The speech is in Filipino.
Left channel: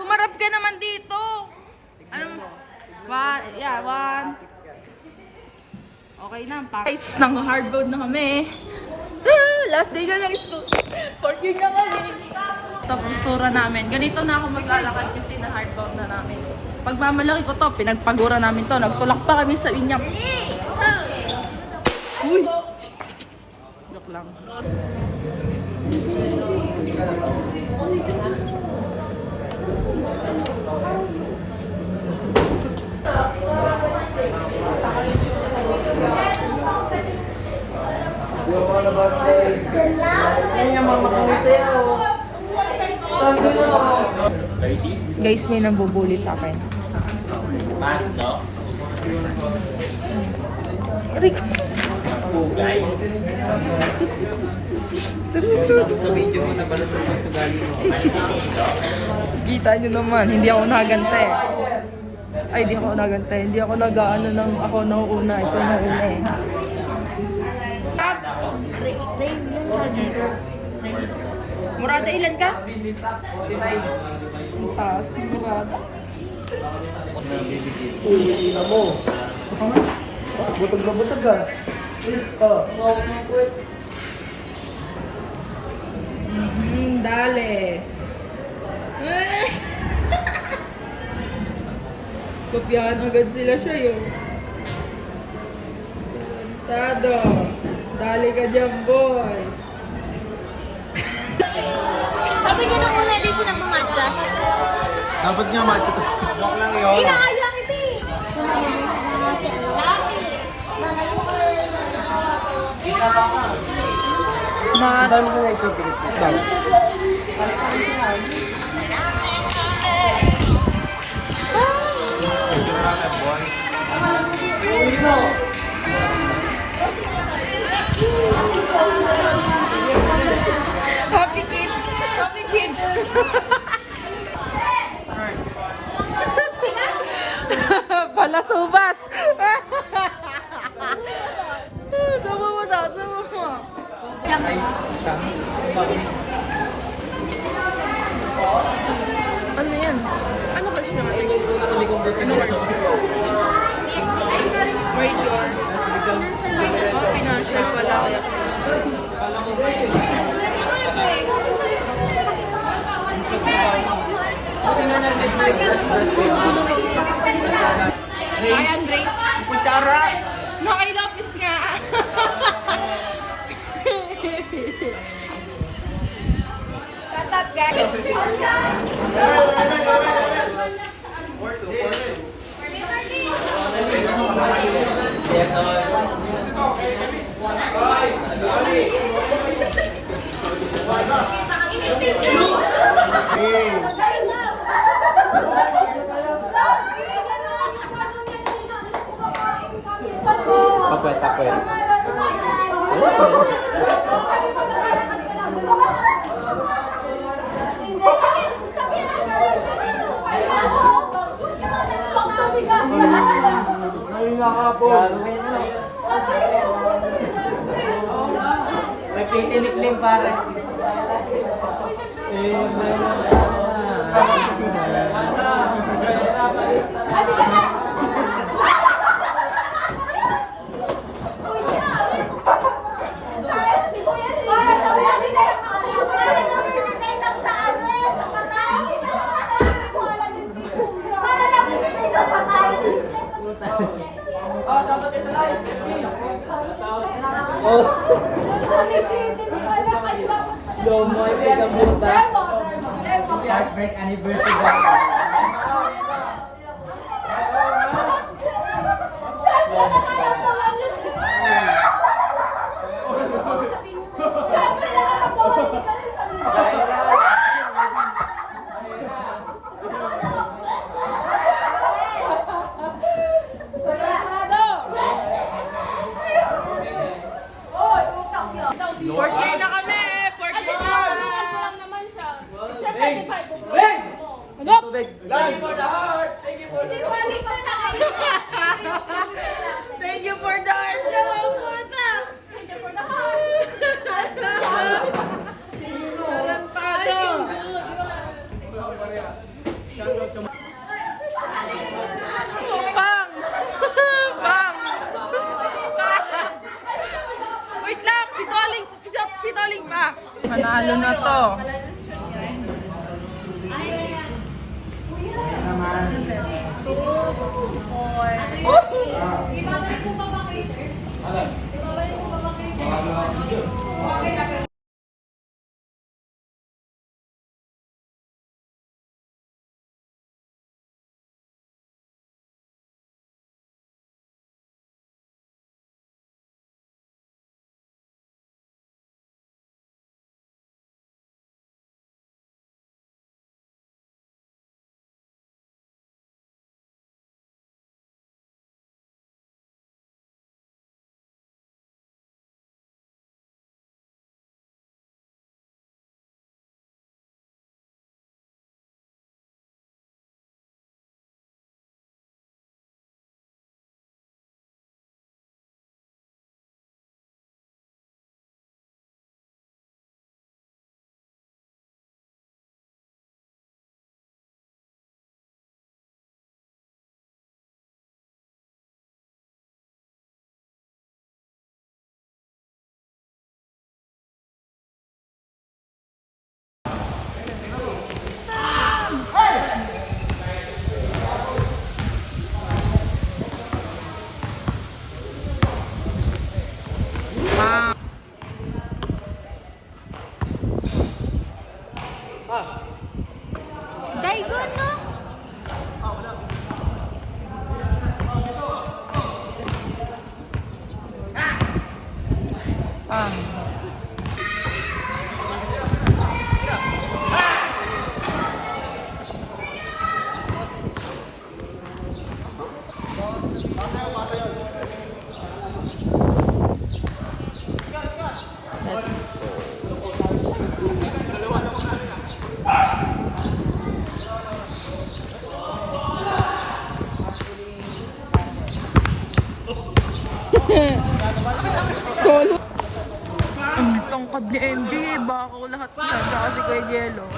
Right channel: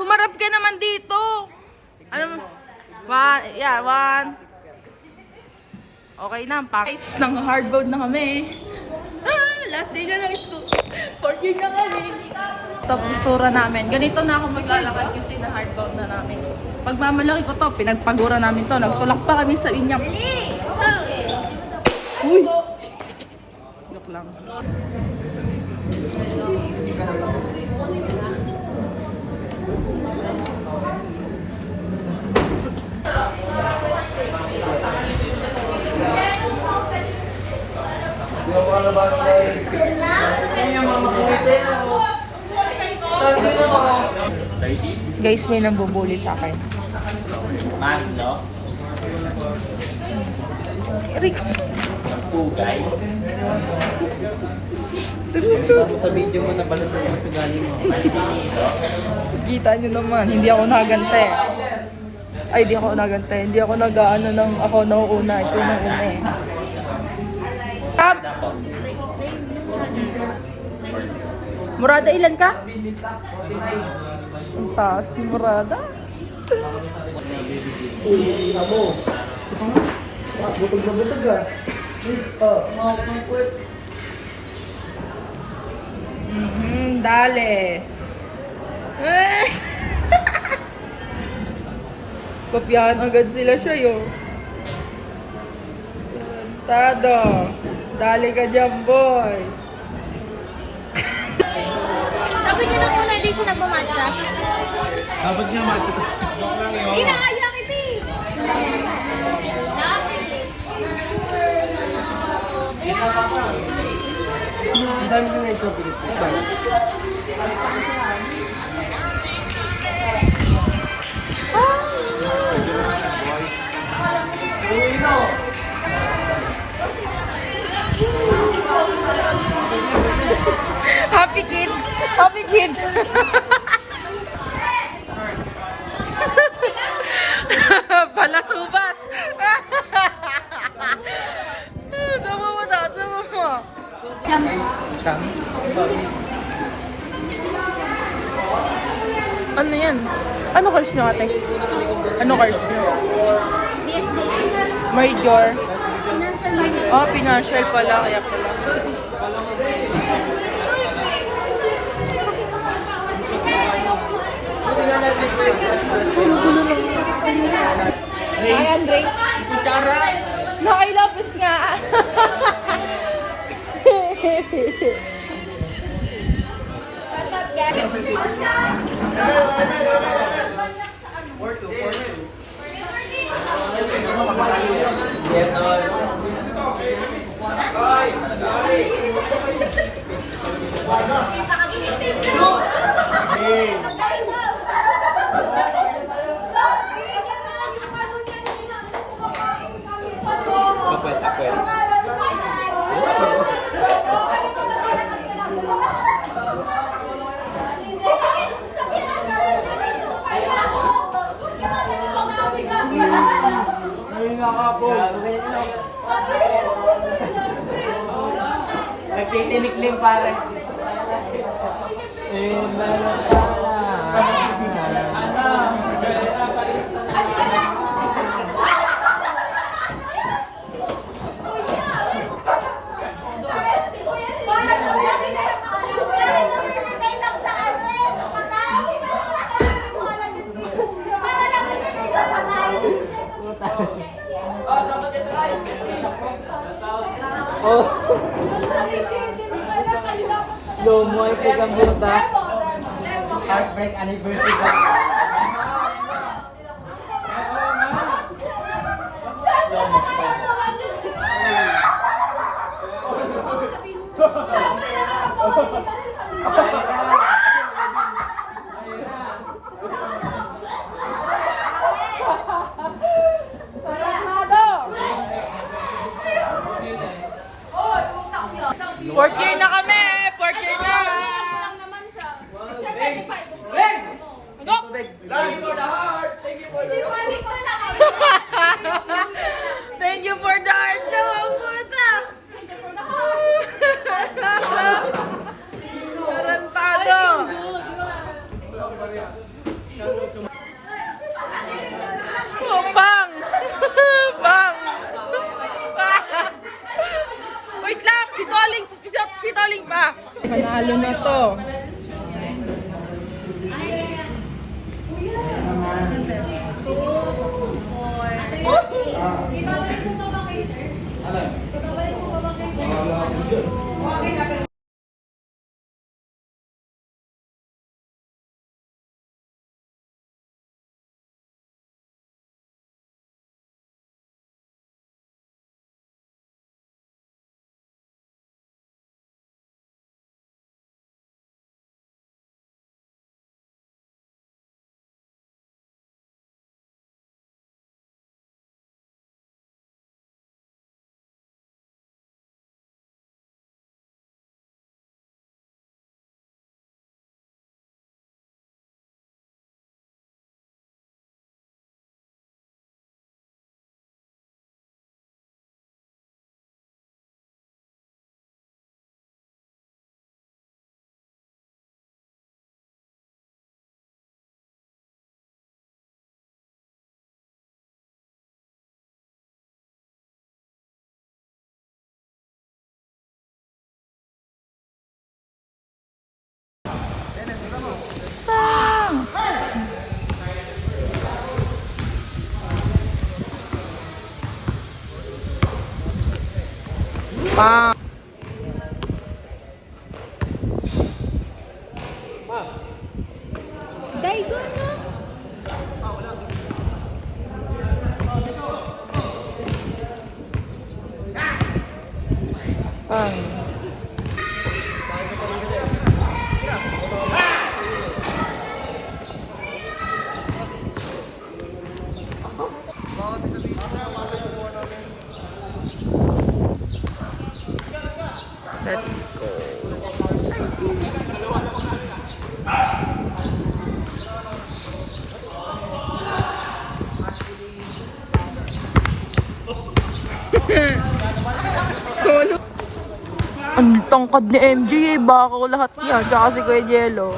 Pumarap ka naman dito. Ano? One. Okay na. Guys, nang hardbound na kami. Last day na ng school. 14 na kami. Tapos tura namin. Ganito na ako maglalakad kasi na hardbound na namin. Pag mamalaki ko to, pinagpagura namin to. Nagtulak pa kami sa inyap. Uy! Joke lang. Guys, may nambubuli sa akin. Eric. Pugay. Sa video mo na pala sa sugali mo. Kita nyo naman, hindi ako nagante. Ay, hindi ako nagante. Hindi ako nag-ano ng ako nauuna. Ito nauuna eh. Tap! Murada, ilan ka? Ang taas ni Murada. Uy, ina mo. Butog na butog ka. Dale. Kopyahan agad sila siya yung. Tado. Dali ka dyan, boy. Sabi niyo nung una din siya nagmamatcha. Dapat nga matcha to. Inaaya kita eh. Ang dami na na-interpret. Happy kid. Happy kid. Palasubas. Sama mo daw, sama mo. Ano yan? Ano course nyo ate? Ano course nyo? Major. Oh, financial pala. Kaya pala. Hi, Andre. Kutsara! Nakailapis nga. Shut up, guys. Tapet. Nagtitiniklim pare. Slow mo yung ganda. Heartbreak anniversary. Fourth year na kami! Fourth year na! lang naman siya. Ano? Thank you for the art na ang puta! Tarantado! Oh, bang! Bang! Wait lang! Si Toling pa! Manalo na to. Bang! Daigon, no? Let's Solo. Ang tangkad ni MJ, baka ko lahat yan. Tsaka si Kuya Jello.